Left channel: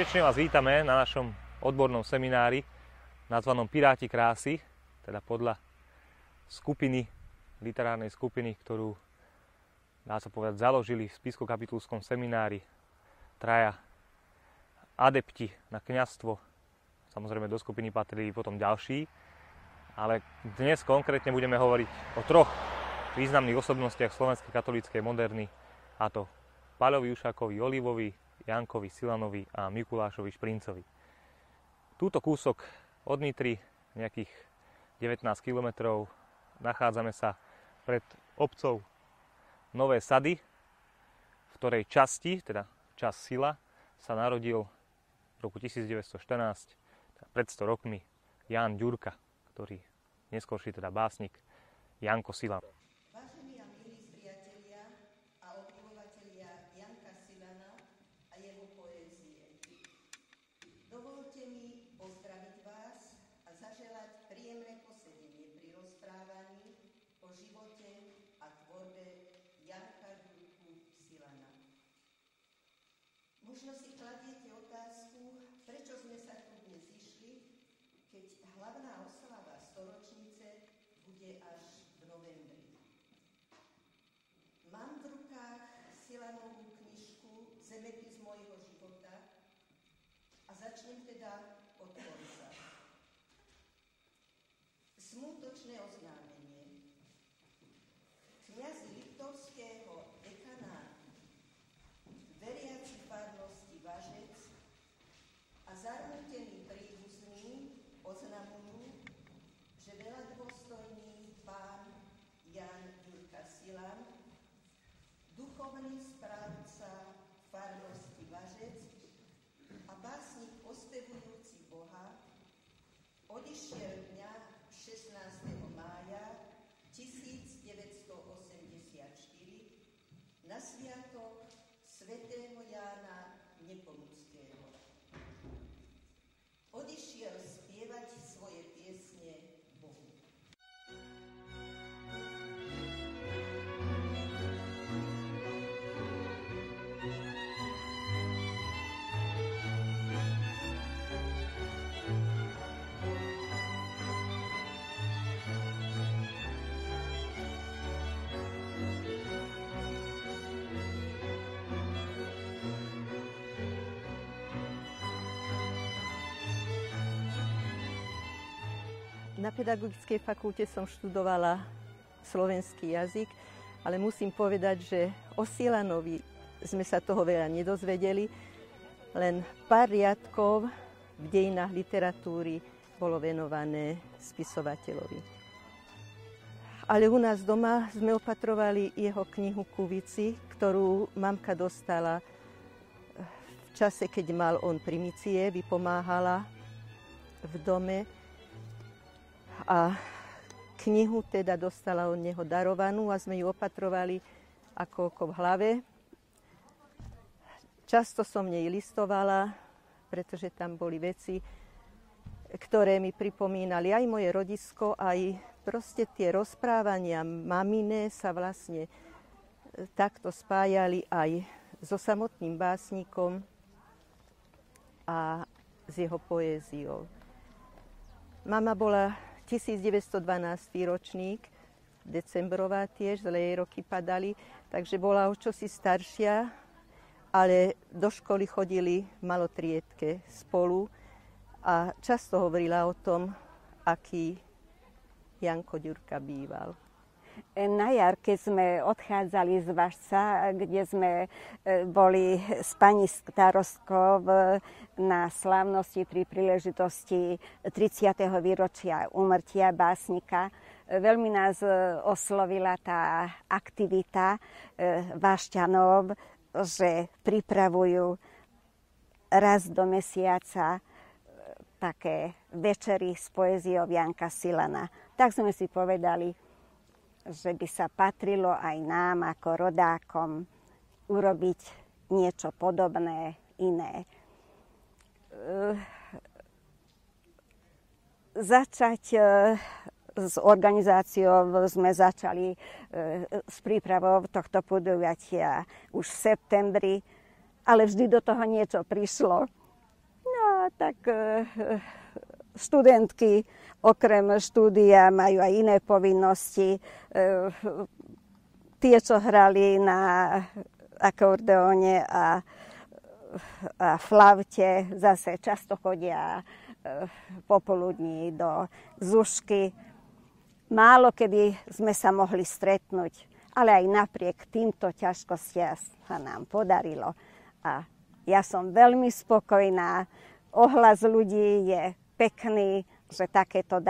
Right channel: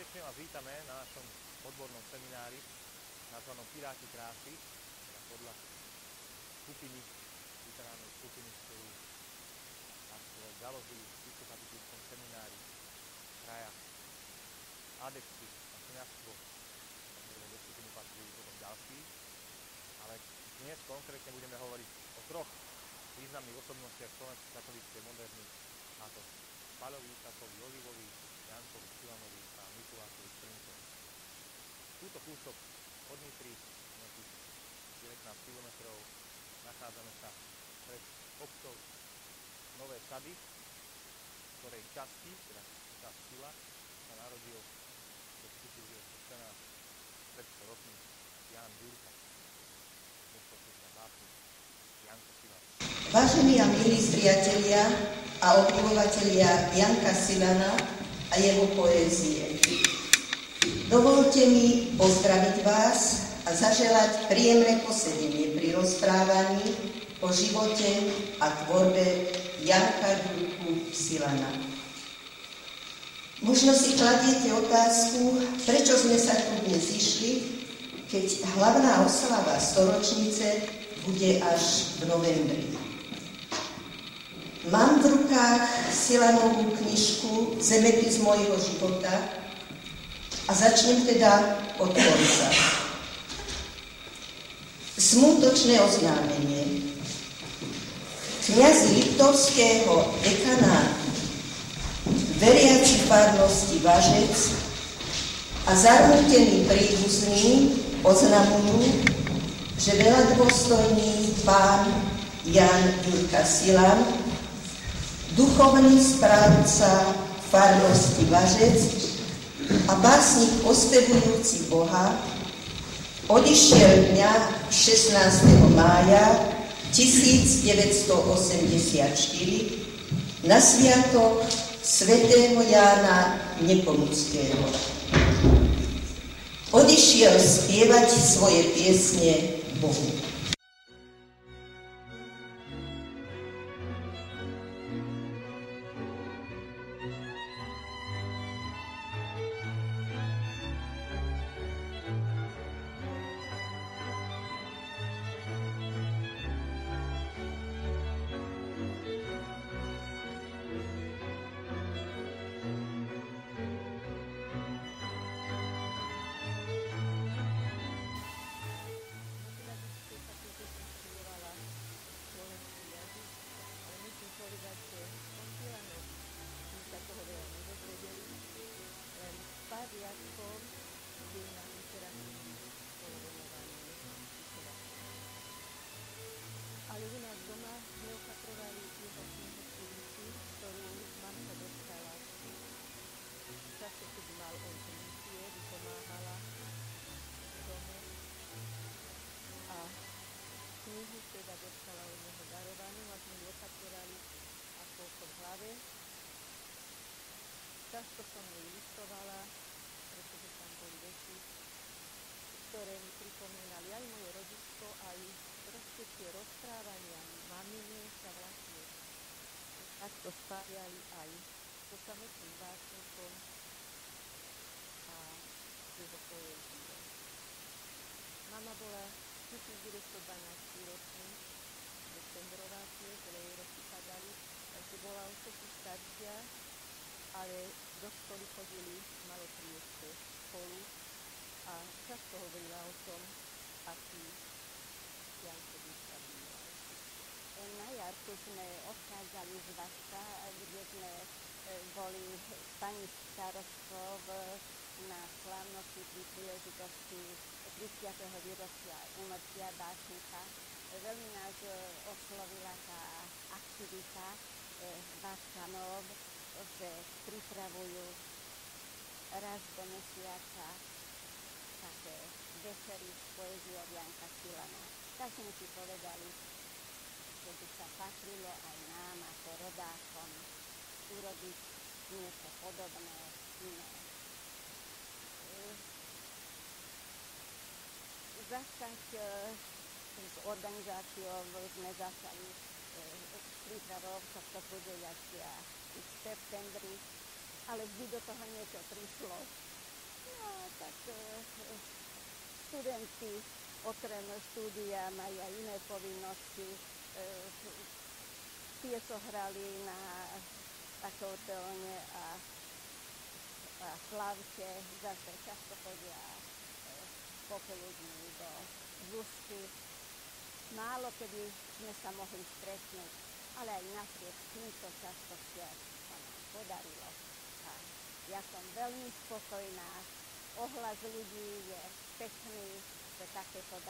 Srdečne vás vítame na našom odbornom seminári nazvanom Piráti krásy, teda podľa skupiny, literárnej skupiny, ktorú, dá sa povedať, založili v spišsko-kapitulskom seminári traja adepti na kňazstvo. Samozrejme do skupiny patrili potom ďalší, ale dnes konkrétne budeme hovoriť o troch významných osobnostiach slovenskej katolíckej moderny, a to Paľovi Jušákovi Olivovi, Jankovi Silanovi a Mikulášovi Šprincovi. Túto kúsok od Nitry, nejakých 19 km, nachádzame sa pred obcov Nové Sady, v ktorej časti, teda čas Sila, sa narodil v roku 1914, pred 100 rokmi, Ján Ďurka, ktorý neskôrší teda básnik Janko Silan. Vážení a milí priatelia a obdivovatelia Janka Silana a jeho poézie. Dovolte mi pozdraviť vás a zaželať príjemné posedenie pri rozprávaní o živote a tvorbe Janka Ďurku Silana. Možno si kladiete otázku, prečo sme sa tu dnes zišli, keď hlavná oslava storočnice bude až v novembri. Mám v rukách Silanovú knižku Zemepis mojho života a začnem teda od konca. Smútočné oznámenie. Kňaz liptovského dekanátu, veriaci farnosti Važec a zarmútení príbuzní oznamujú, že veľadôstojný pán Ján Ďurka Silan, duchovný správca farnosti Važec a básnik ospevujúci Boha, odišiel dňa 16. mája 1984 na sviatok svätého Jána Nepomuckého. Odišiel spievať svoje piesne Bohu. Na pedagogickej fakulte som študovala slovenský jazyk, ale musím povedať, že o Silanovi sme sa toho veľa nedozvedeli, len pár riadkov v dejinách literatúry bolo venované spisovateľovi. Ale u nás doma sme opatrovali jeho knihu Kuvici, ktorú mamka dostala v čase, keď mal on primície, vypomáhala v dome. A knihu teda dostala od neho darovanú a sme ju opatrovali ako v hlave. Často som nej listovala, pretože tam boli veci, ktoré mi pripomínali aj moje rodisko, aj proste tie rozprávania mamine sa vlastne takto spájali aj so samotným básnikom a s jeho poéziou. Mama bola 1912 ročník, decembrová tiež, veľa jej roky padali, takže bola o čosi staršia, ale do školy chodili v malotriedke spolu a často hovorila o tom, aký Janko Ďurka býval. Na jar, keď sme odchádzali z Važca, kde sme boli s pani starostkou na slávnosti pri príležitosti 30. výročia úmrtia básnika. Veľmi nás oslovila tá aktivita Važťanov, že pripravujú raz do mesiaca také večery s poéziou Janka Silana. Tak sme si povedali, že by sa patrilo aj nám ako rodákom urobiť niečo podobné, iné. S organizáciou sme začali s prípravou tohto podujatia už v septembri, ale vždy do toho niečo prišlo. tak študentky okrem štúdia majú aj iné povinnosti. Tie, čo hrali na akordeóne a flaute, zase často chodia popoludní do Zušky. Málo kedy sme sa mohli stretnúť, ale aj napriek týmto ťažkostiam sa nám podarilo. A ja som veľmi spokojná. Ohlas ľudí je pekný, že takéto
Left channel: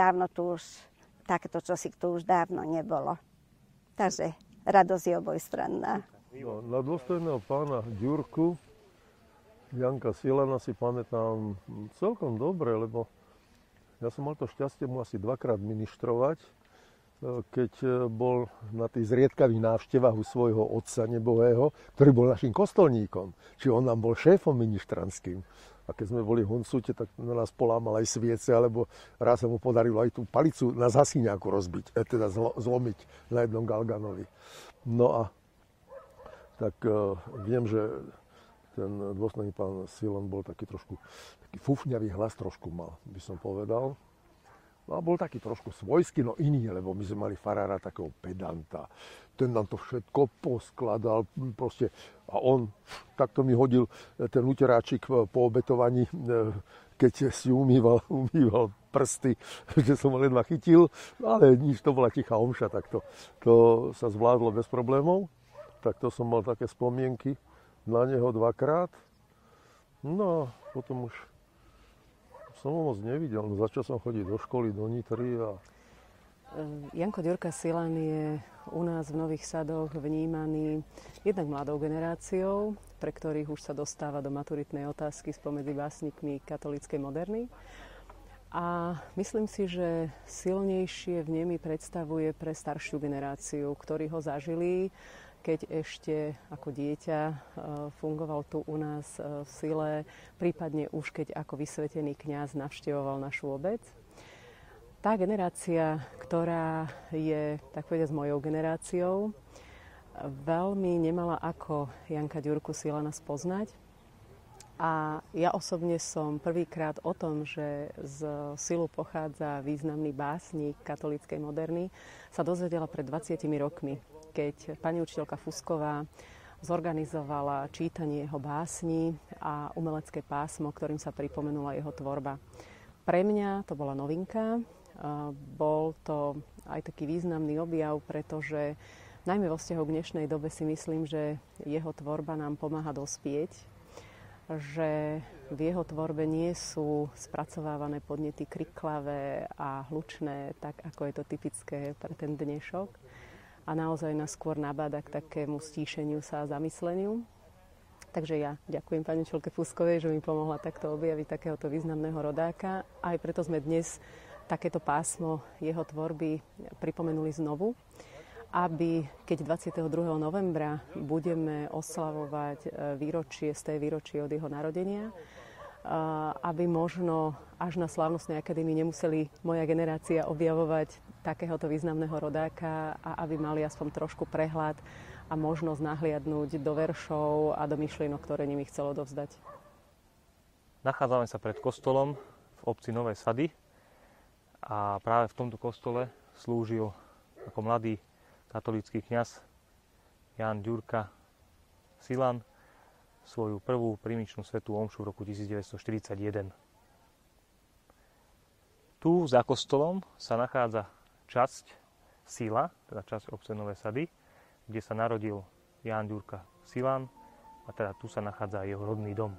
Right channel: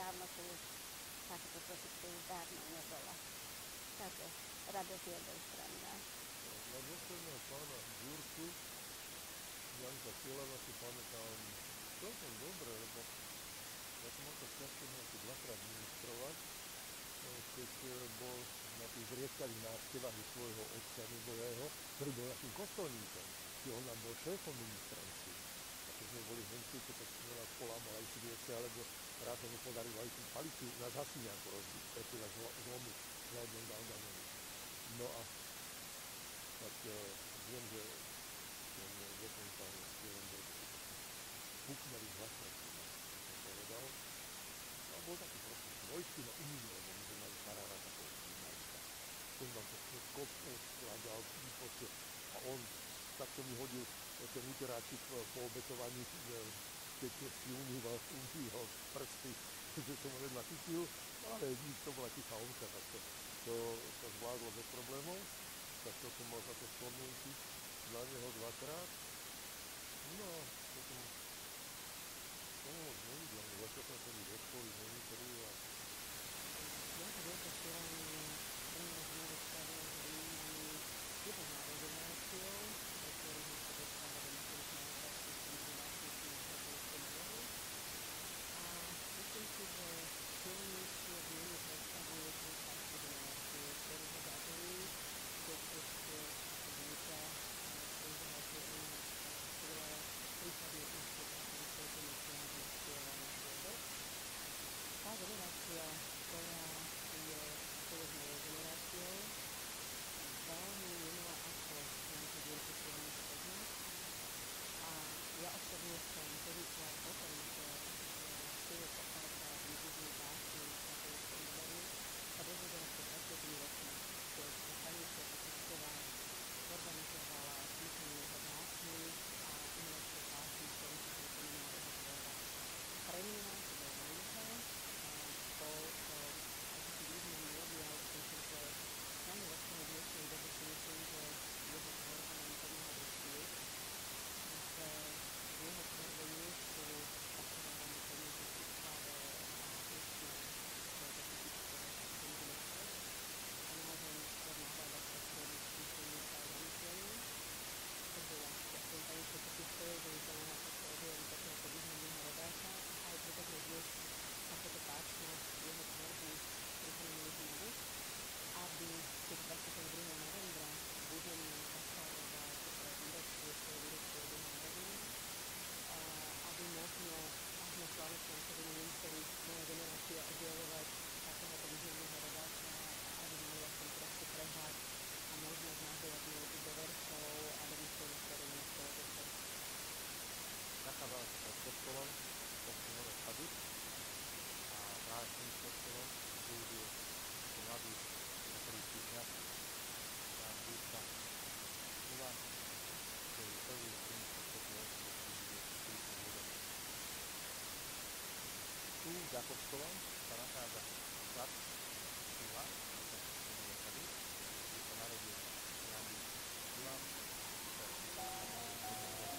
čosi tu už dávno nebolo. Takže radosť je obojstranná. No, na dôstojného pána Ďurku, Janka Silana si pamätám celkom dobre, lebo ja som mal to šťastie mu asi dvakrát ministrovať, keď bol na tých zriedkavých návštevách u svojho otca nebohého, ktorý bol našim kostolníkom. Čiže on nám bol šéfom ministranským. A keď sme boli v Huncúte, tak na nás polámal aj sviece, alebo raz sa mu podarilo aj tú palicu na Zasiňáku rozbiť, teda zlomiť na jednom galganovi. No a tak viem, že ten dôstojný pán Silan bol taký trošku fúfňavý hlas, trošku mal, by som povedal. No a bol taký trošku svojský, no iný, lebo my sme mali farára takého pedanta. Ten nám to všetko poskladal, proste. A on takto mi hodil ten uteráčik po obetovaní, keď si umýval prsty, že som ho ledva chytil, ale nič, to bola tichá omša, tak to sa zvládlo bez problémov. Tak to som mal také spomienky na neho dvakrát. No a potom už som ho moc nevidel, začal som chodiť do školy, do Nitry a... Janko Ďurka Silan je u nás v Nových Sadoch vnímaný jednak mladou generáciou, pre ktorých už sa dostáva do maturitnej otázky spomedzi básnikmi katolíckej moderny. A myslím si, že silnejšie vnemy predstavuje pre staršiu generáciu, ktorí ho zažili, keď ešte ako dieťa fungoval tu u nás v Sile, prípadne už keď ako vysvetený kňaz navštevoval našu obec. Tá generácia, ktorá je, tak povedať, mojou generáciou, veľmi nemala ako Janka Ďurku Silana spoznať. A ja osobne som prvýkrát o tom, že z Silu pochádza významný básnik katolíckej moderny, sa dozvedela pred 20 rokmi, keď pani učiteľka Fusková zorganizovala čítanie jeho básní a umelecké pásmo, ktorým sa pripomenula jeho tvorba. Pre mňa to bola novinka, bol to aj taký významný objav, pretože najmä vo vzťahu k dnešnej dobe si myslím, že jeho tvorba nám pomáha dospieť, že v jeho tvorbe nie sú spracovávané podnety kriklavé a hlučné, tak ako je to typické pre ten dnešok, a naozaj nás skôr nabáda k takému stíšeniu sa a zamysleniu. Takže ja ďakujem pani učiteľke Fuskovej, že mi pomohla takto objaviť takéhoto významného rodáka. Aj preto sme dnes takéto pásmo jeho tvorby pripomenuli znovu, aby keď 22. novembra budeme oslavovať výročie od jeho narodenia, aby možno až na Slávnostnej akadémii nemuseli moja generácia objavovať takéhoto významného rodáka a aby mali aspoň trošku prehľad a možnosť nahliadnúť do veršov a do myšlienok, ktoré nimi chcel odovzdať. Nachádzame sa pred kostolom v obci Nové Sady a práve v tomto kostole slúžil ako mladý katolícky kňaz Ján Ďurka Silan svoju prvú prímičnú svätú omšu v roku 1941. Tu za kostolom sa nachádza časť Sila, teda časť obce Nové Sady, kde sa narodil Ján Ďurka Silan a teda tu sa nachádza jeho rodný dom.